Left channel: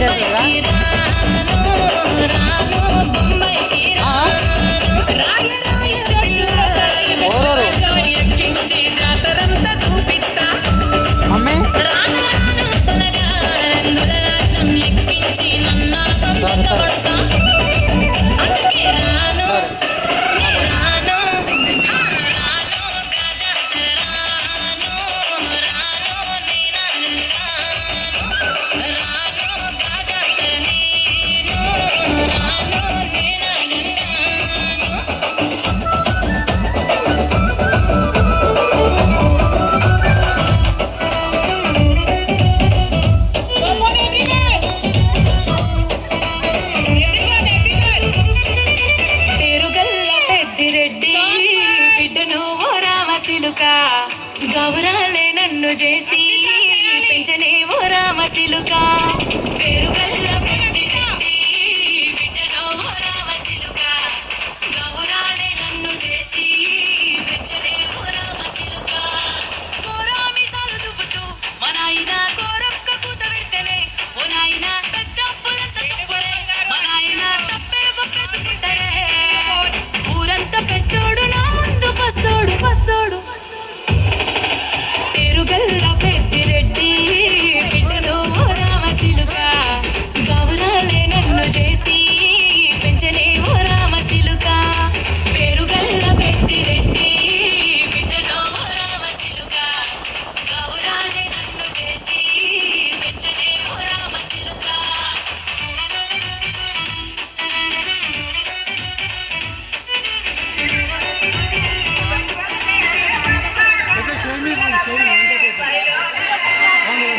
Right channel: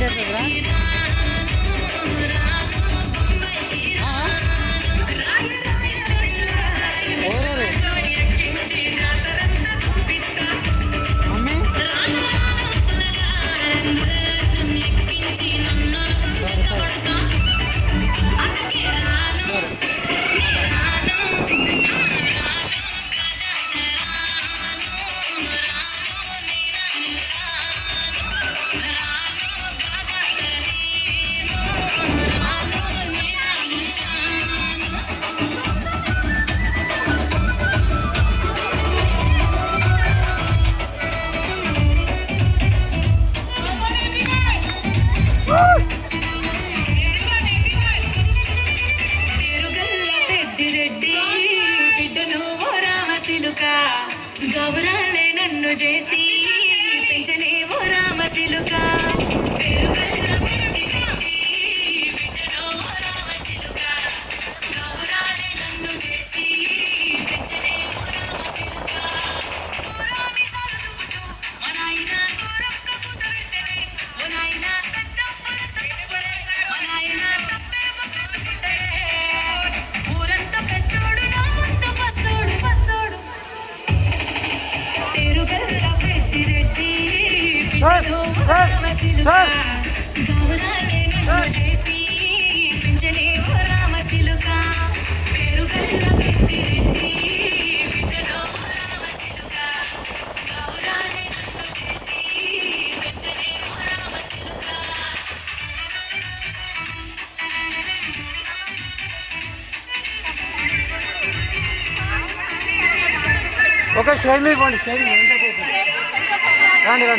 పెట్టేస్తుందా? ఓరోరు mummy సరే సరే గౌరాలే నన్ను చేసి పెంచనే ఓ రామశిలుక పేరుగల్ల పెద్దిరెడ్డి బిడ్డనో ఓ రామశిలుక గౌరాలే నన్ను చేసి పెంచనే ఓ రామశిలుక కోరామి సాగుతూ మా నాయన కోరక్క కూత పెట్టనే ఓ నాయన పెద్ద పులత చెప్పలే మా నాయన తప్పే ఒప్పేసుకుంటాడే ఊరంతా పెద్దోడు నా ముందు పసోడు పసోడు పేరుగల్ల పెద్దిరెడ్డి బిడ్డనో ఓ రామశిలుక గౌరాలే నన్ను చేసి పెంచనే ఓ రామశిలుక పేరుగల్ల పెద్దిరెడ్డి బిడ్డనో ఓ రామశిలుక గౌరాలే నన్ను చేసి పెంచనే ఓ రామశిలుక ఒక సైడ్ మీద పోండి, సైడ్ మీద. రండి రండి.